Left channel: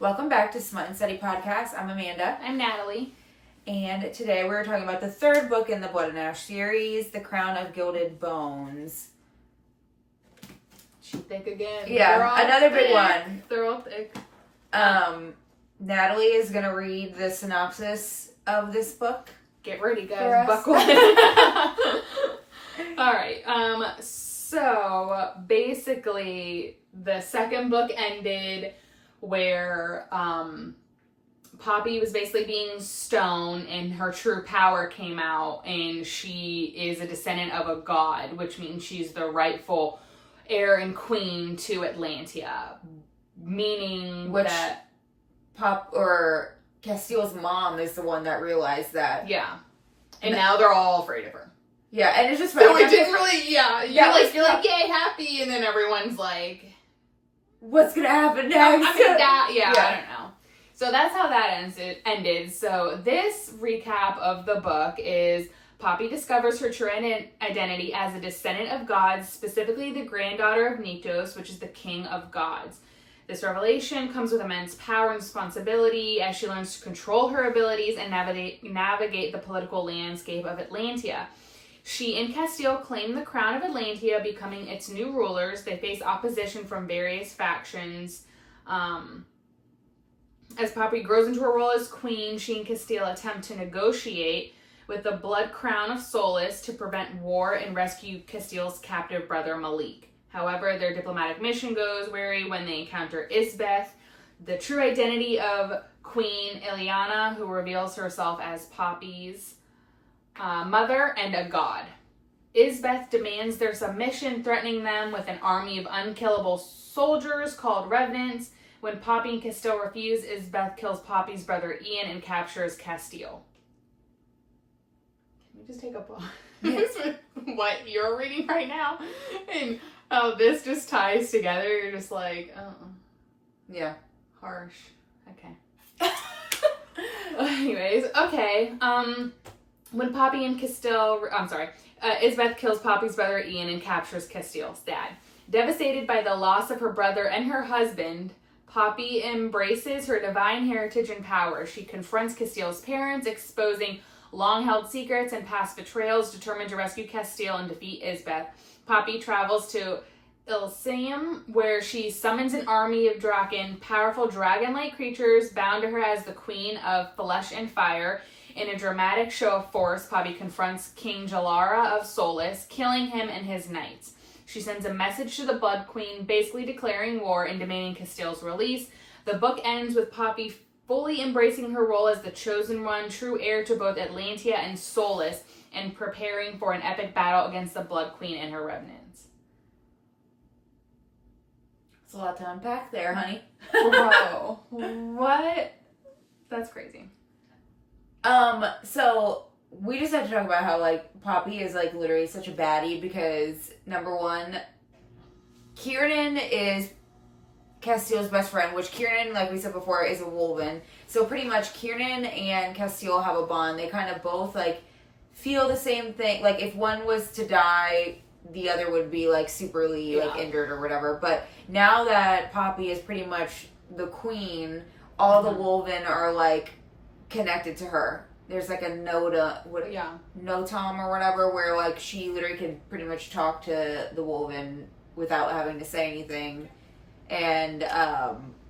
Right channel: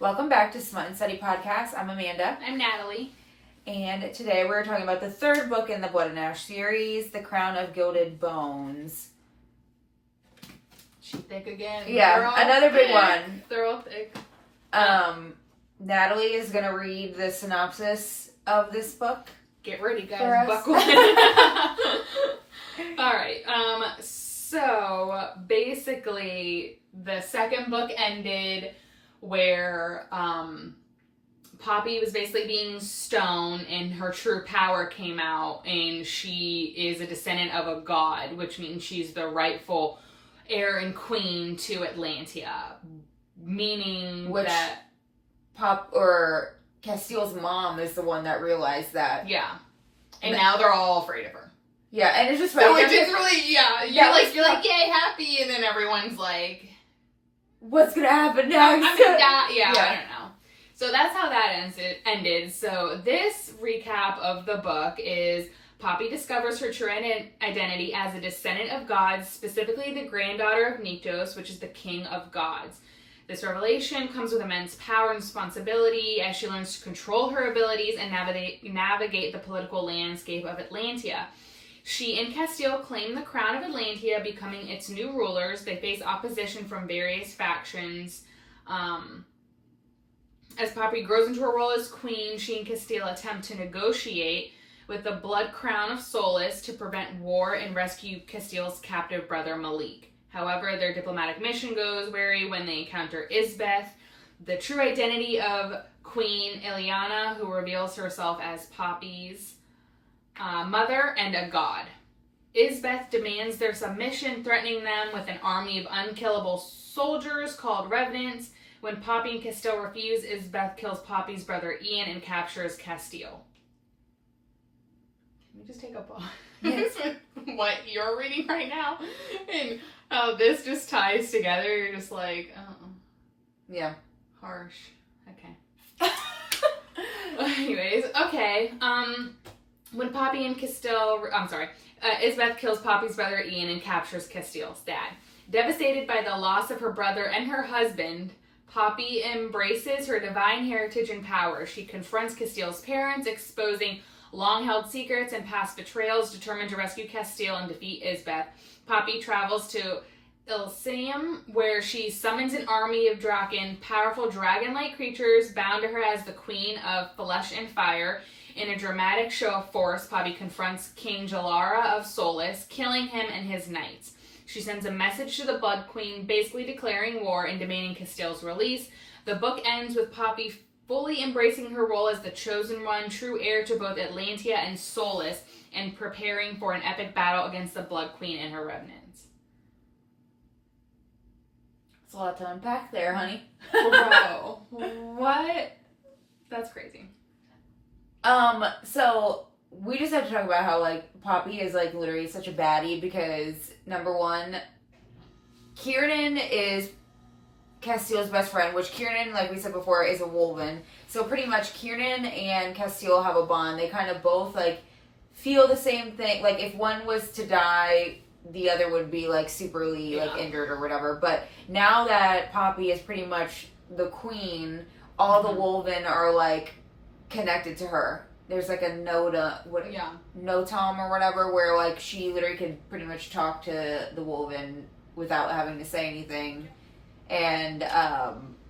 Welcome back to Smut N Study podcast. I'm Amanda. I'm Natalie. And today we're talking about the third book in the Blood and Ash series, The Crown of Gilded Bones. She thick again. Yeah, another big one. They're all thick. Natalie is going to read the synopsis of this book. Get ready, guys. Buckle in. Alright, so basically the second book ended where Poppy was basically being stoned and her true power came out, and she is a descendant of a god, which means she's the rightful heir and queen to Atlantia, meaning that Castile's mom is the one that realized that. Yeah. And now they're all afraid of her. Yeah, and it's just funny. So it didn't really, you're like, yay, happy, and then everyone's like, what's gonna happen next? I'm gonna die. Yeah, I don't know. So that's how that ended. So this recap of the book is Poppy discovers her true identity as a descendant of gods, specifically the granddaughter of Nyktos, which is the king of gods. This revelation comes with immense power and responsibility as she learns to control her abilities and navigate the political landscape of Atlantia. She and Castile claim the crown of Atlantia, becoming its new rulers. They face opposition from various factions. As Poppy grows into her role as queen, she and Castile attempt to negotiate with the Blood Crown of Solace to prevent war and rescue Castile's captive brother Malik. However, their diplomatic mission goes wary when they encounter Isbeth, the true identity of Queen Ileana, who reveals herself as Poppy's mother and a god. Isbeth demands their submission, threatening them with an army of unkillable soldiers called Revenants. When Poppy and Castile refuse, Isbeth kills Poppy's brother Ian and captures Castile. Can we just take a pause? Yes. What you're reading right now? And how this just ties together. You're just like, yeah. Harsh. Okay. Anyways, okay. When Poppy and Castile, Isbeth kills Poppy's brother Ian and captures Castile's dad. Devastated by the loss of her brother and her husband, Poppy embraces her divine heritage and power. She confronts Castile's parents, exposing long-held secrets and past betrayals. Determined to rescue Castile and defeat Isbeth, Poppy travels to Elysium, where she summons an army of Draken, powerful dragon-like creatures bound to her as the queen of flesh and fire. In a dramatic show of force, Poppy confronts King Jalara of Solace, killing him and his knights. She sends a message to the Blood Queen, basically declaring war and demanding Castile's release. The book ends with Poppy fully embracing her role as the chosen one, true heir to both Atlantia and Solace, and preparing for an epic battle against the Blood Queen and her revenants. It's a lot to unpack there, honey. Bro, what? That's crazy. So we just have to talk about how, like, Poppy is, like, literally such a baddie because, number one, Kiernan is Castile's best friend, which Kiernan, like we said before, is a Wolven. So pretty much Kiernan and Castile have a bond. They kind of both, like, feel the same thing. Like, if one was to die, the other would be, like, superly, like, injured or whatever. But now that Poppy is pretty much the queen, all the Wolven are, like, connected to her. There's like a notom or whatever where like she literally could pretty much talk to the Wolven without having to say anything. And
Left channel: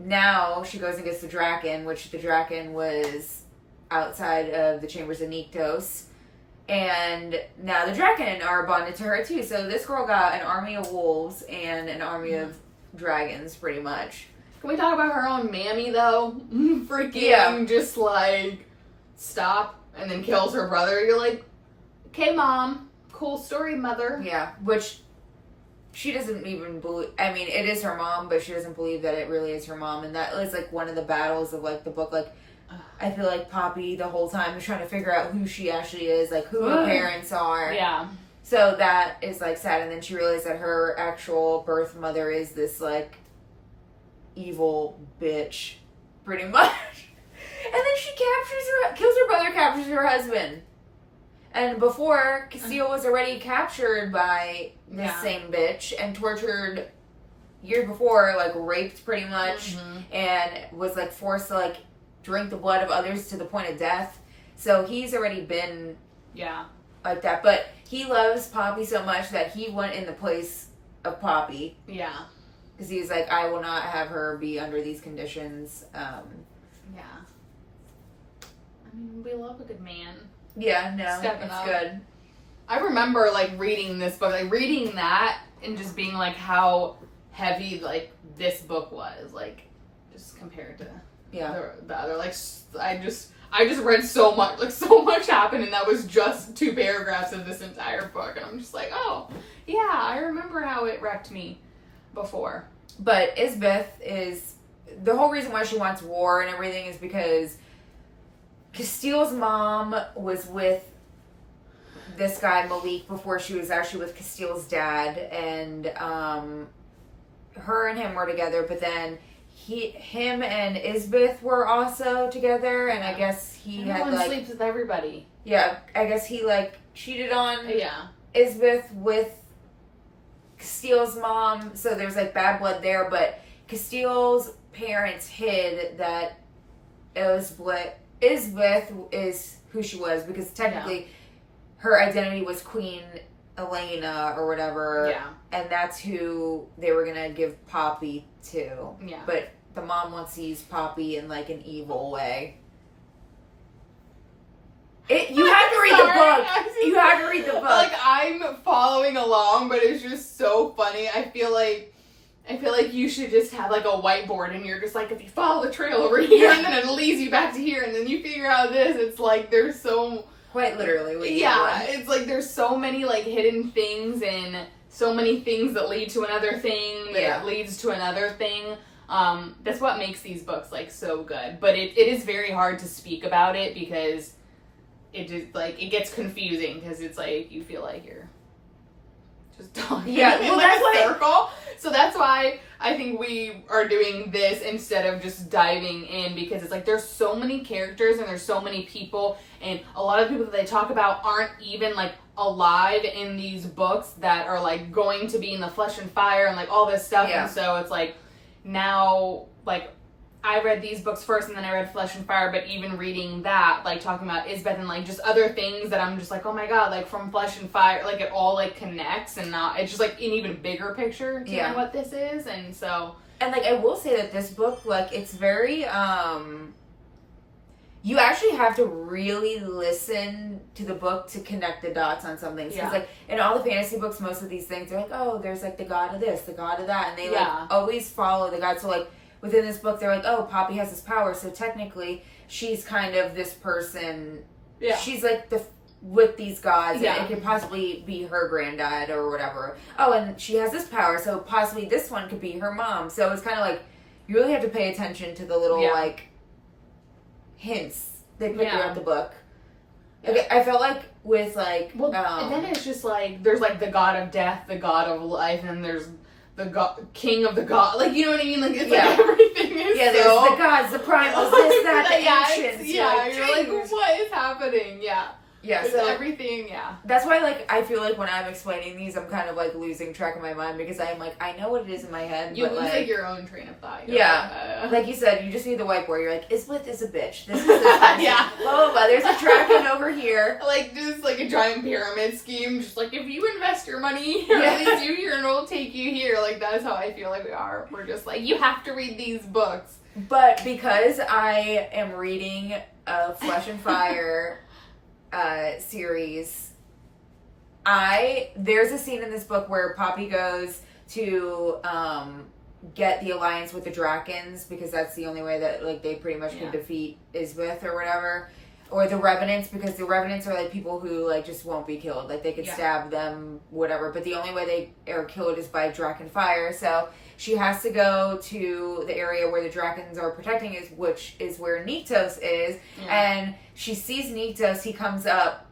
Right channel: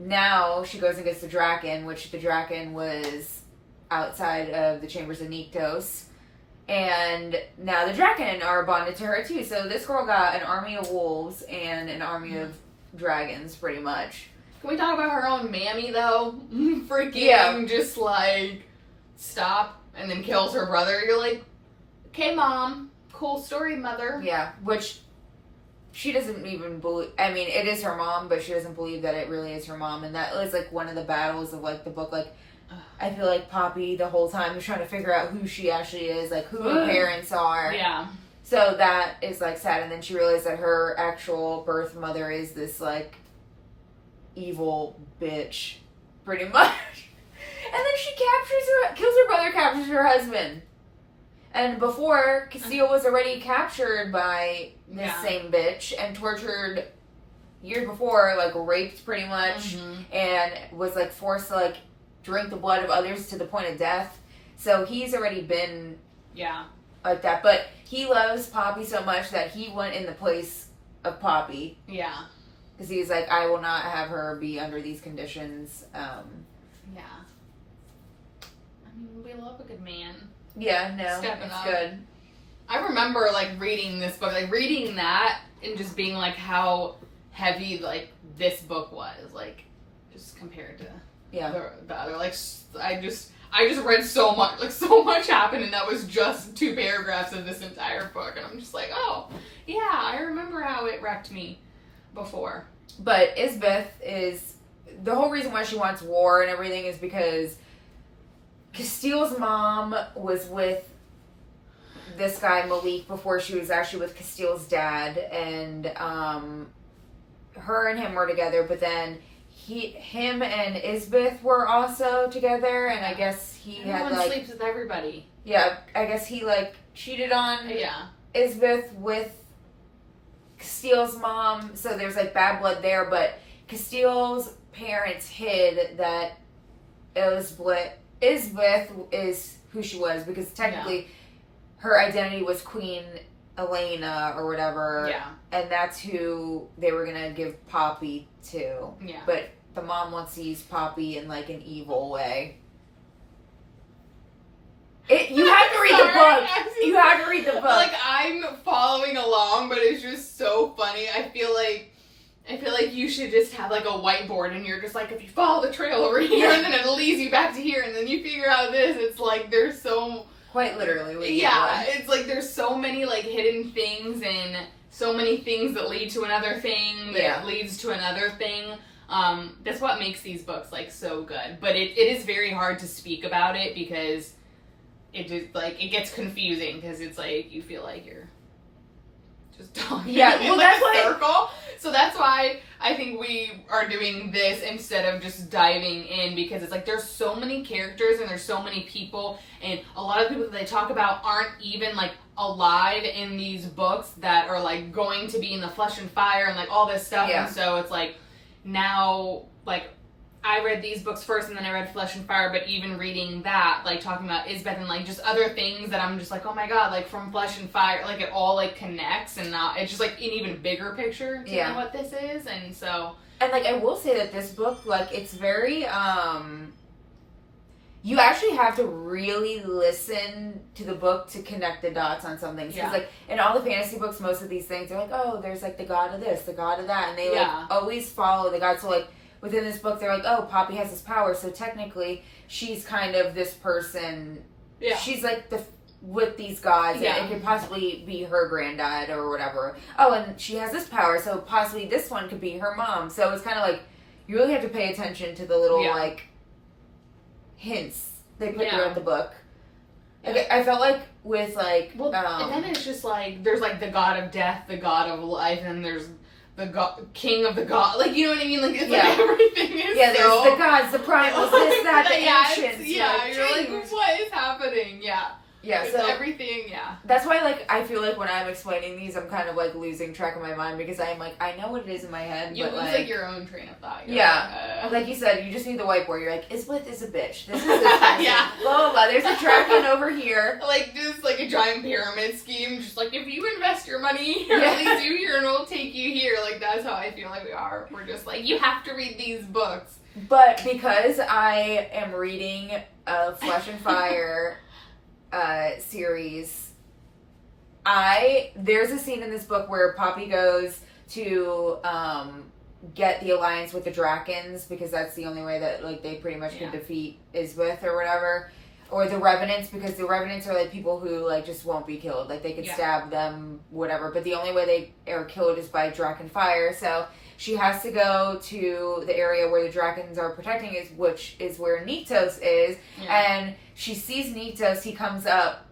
now she goes and gets the Draken, which the Draken was outside of the chambers of Nyktos. And now the Draken are bonded to her too. So this girl got an army of wolves and an army of dragons pretty much. Can we talk about her own mammy, though? Freaking just, like, stop and then kills her brother. You're like, okay, Mom. Cool story, Mother. Yeah, which she doesn't even believe. I mean, it is her mom, but she doesn't believe that it really is her mom. And that is, like, one of the battles of, like, the book. Like, I feel like Poppy the whole time is trying to figure out who she actually is, like, who her parents are. Yeah. So that is, like, sad. And then she realized that her actual birth mother is this, like, evil bitch, pretty much. And then she kills her brother, captures her husband. And before, Castile was already captured by the same bitch and tortured years before, like, raped pretty much, and was, like, forced to, like, drink the blood of others to the point of death. So he's already been like that. But he loves Poppy so much that he went in the place of Poppy. Yeah. Because he was like, I will not have her be under these conditions. Yeah. I mean, we love a good man. Yeah, no, Stepping it's up. good. I remember, like, reading this book, like, reading that and just being, like, how heavy, like, this book was, like, just compared to the other. Like, I just read so much, like, so much happened, and that was just 2 paragraphs of this entire book, and I'm just like, oh, yeah, I remember how it wrecked me before. But Isbeth is, the whole reason why she wants war and everything is because Castile's mom was with this guy Malik before she was actually with Castile's dad, and her and him were together, but then him and Isbeth were also together, and I guess he Everyone had like sleeps with everybody. Yeah, I guess he like cheated on Yeah. Isbeth with Castile's mom, so there's like bad blood there, but Castile's parents hid that Isbeth is who she was, because technically her identity was Queen Elena or whatever. Yeah. And that's who they were gonna give Poppy to. Yeah. But the mom wants to use Poppy in like an evil way. You have to read the book. You have to read the book. Like, I'm following along, but it's just so funny. I feel like you should just have like a whiteboard, and you're just like, if you follow the trail over here, and then it leads you back to here, and then you figure out this. It's like there's so quite literally. Yeah, it's like there's so many like hidden things, and so many things that lead to another thing that leads to another thing. That's what makes these books like so good. But it is very hard to speak about it because it just like it gets confusing, because it's like you feel like you're just talking in like a circle. So that's why I think we are doing this instead of just diving in, because it's like there's so many characters and there's so many people, and a lot of people that they talk about aren't even like alive in these books that are like going to be in the Flesh and Fire and like all this stuff. And so it's like now, like, I read these books first and then I read Flesh and Fire, but even reading that, like talking about Isbeth and like just other things that I'm just like, oh my god, like from Flesh and Fire, like it all like connects, and now it's just like an even bigger picture to what this is. And so, and like I will say that this book, like, it's very you actually have to really listen to the book to connect the dots on some things. Because like in all the fantasy books, most of these things, they're like, oh, there's like the god of this, the god of that, and they like always follow the god. So like within this book, they're like, oh, Poppy has this power, so technically she's kind of this person. Yeah. She's like with these gods, and it could possibly be her granddad or whatever. Oh, and she has this power, so possibly this one could be her mom. So it's kind of like you really have to pay attention to the little like hints they put throughout the book. Okay, I felt like with like and then it's just like there's like the god of death, the god of life, and there's the king of the god, like, you know what I mean? Like it's like everything is there's the gods, the primals, this, that, the ancients. You're like, what is happening? So everything, That's why, like, I feel like when I'm explaining these, I'm kind of, like, losing track of my mind, because I'm, like, I know what it is in my head, you but, lose, like, your own train of thought. Like you said, you just need the whiteboard. You're like, Isbeth is a bitch. This is this person. Blah, blah, blah. There's a dragon over here. Like, just, like, a giant pyramid scheme. Just, like, if you invest your money here, it leads you here, and it'll take you here. Like, that's how I feel like we are. We're just, like, you have to read these books. But because I am reading Flesh and Fire series, there's a scene in this book where Poppy goes to get the alliance with the Drakens, because that's the only way that like they pretty much can defeat Isbeth or whatever, or the Revenants, because the Revenants are like people who like just won't be killed, like they could stab them, whatever, but the only way they are killed is by Draken fire. So she has to go to the area where the Drakens are protecting us, which is where Niktos is. And she sees Niktos, he comes up,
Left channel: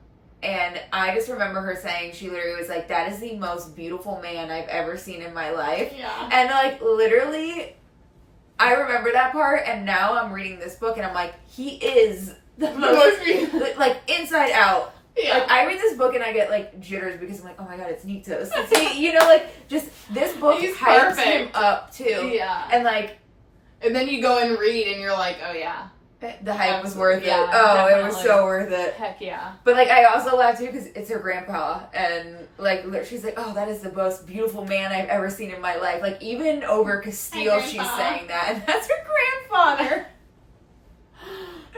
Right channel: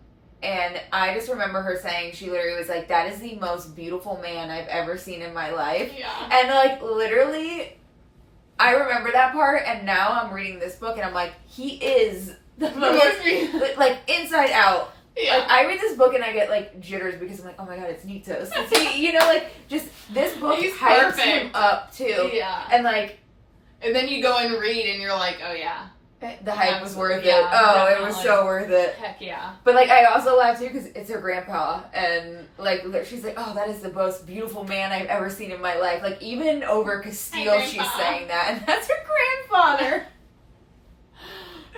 and I just remember her saying, she literally was like, that is the most beautiful man I've ever seen in my life. And like, literally, I remember that part, and now I'm reading this book, and I'm like, he is the most, like, inside out. Yeah. Like, I read this book and I get, like, jitters because I'm like, oh my god, it's Niktos. It's, you know, like, just, this book He's hypes perfect. him up, too. Yeah. And, like... And then you go and read and you're like, oh yeah. The hype was worth it. Yeah, Oh, it was definitely. so worth it. Heck yeah. But, like, I also laugh, too, because it's her grandpa. And, like, she's like, oh, that is the most beautiful man I've ever seen in my life. Like, even over Castile, she's saying that. And that's her grandfather.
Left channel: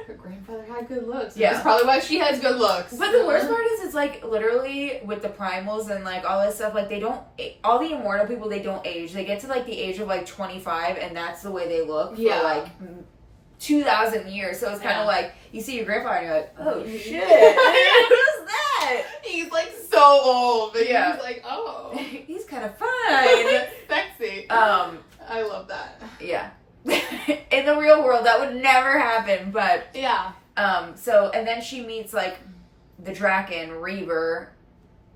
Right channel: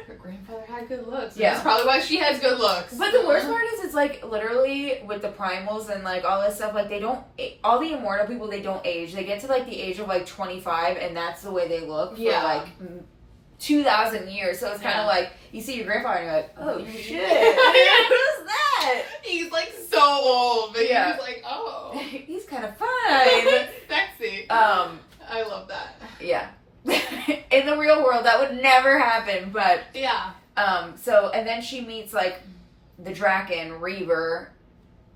Her grandfather had good looks. Yeah. That's probably why she has good looks. But the worst part is, it's, like, literally, with the primals and, like, all this stuff, like, they don't... All the immortal people, they don't age. They get to, like, the age of, like, 25, and that's the way they look for, like... 2,000 years, so it's kind of like you see your grandpa and you're like, oh shit, who's that? He's like so old, but Yeah. he's like, oh, he's kind of fine. sexy. I love that. Yeah. In the real world, that would never happen, but Yeah. so and then she meets like the Draken Reaver,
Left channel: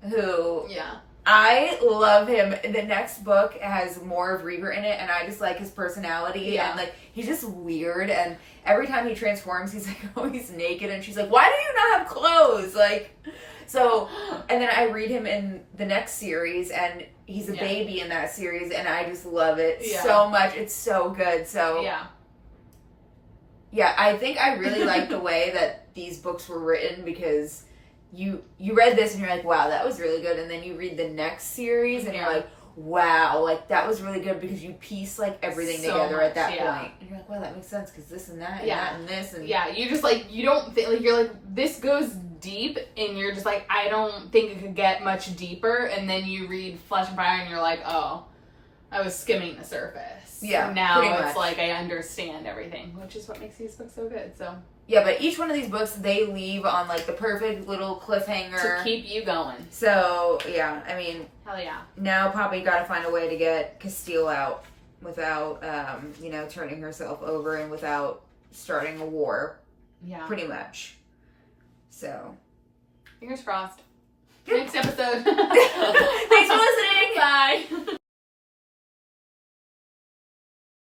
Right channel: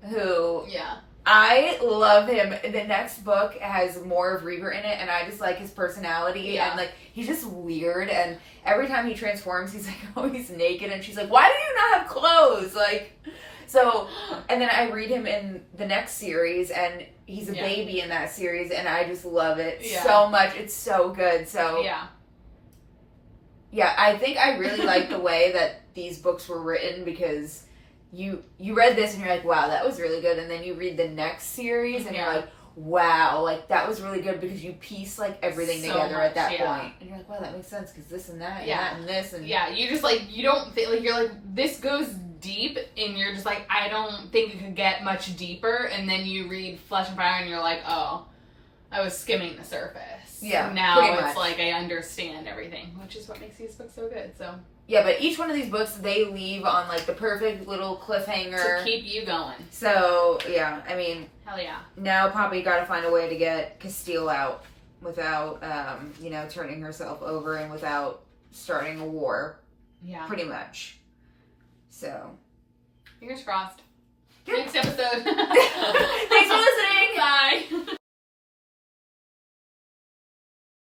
who I love him. The next book has more of Reaver in it, and I just like his personality, and like he's just weird, and every time he transforms, he's like always naked, and she's like, why do you not have clothes? Like, so, and then I read him in the next series, and he's a baby in that series, and I just love it so much. It's so good. So, yeah, I think I really like the way that these books were written, because you read this and you're like, wow, that was really good, and then you read the next series and you're like, wow, like that was really good, because you piece like everything together at that point, and you're like, wow, that makes sense because this and that and that and this, and you just like, you don't think, like, you're like, this goes deep, and you're just like, I don't think it could get much deeper, and then you read Flesh and Fire and you're like, oh, I was skimming the surface. Yeah, now it's much. like I understand everything, which is what makes these books so good. So yeah, but each one of these books, they leave on like the perfect little cliffhanger to keep you going. So yeah, I mean, hell yeah. Now Poppy got to find a way to get Castile out without, you know, turning herself over and without starting a war. Yeah, pretty much. So fingers crossed. Yeah. Next episode. Thanks for listening. Bye.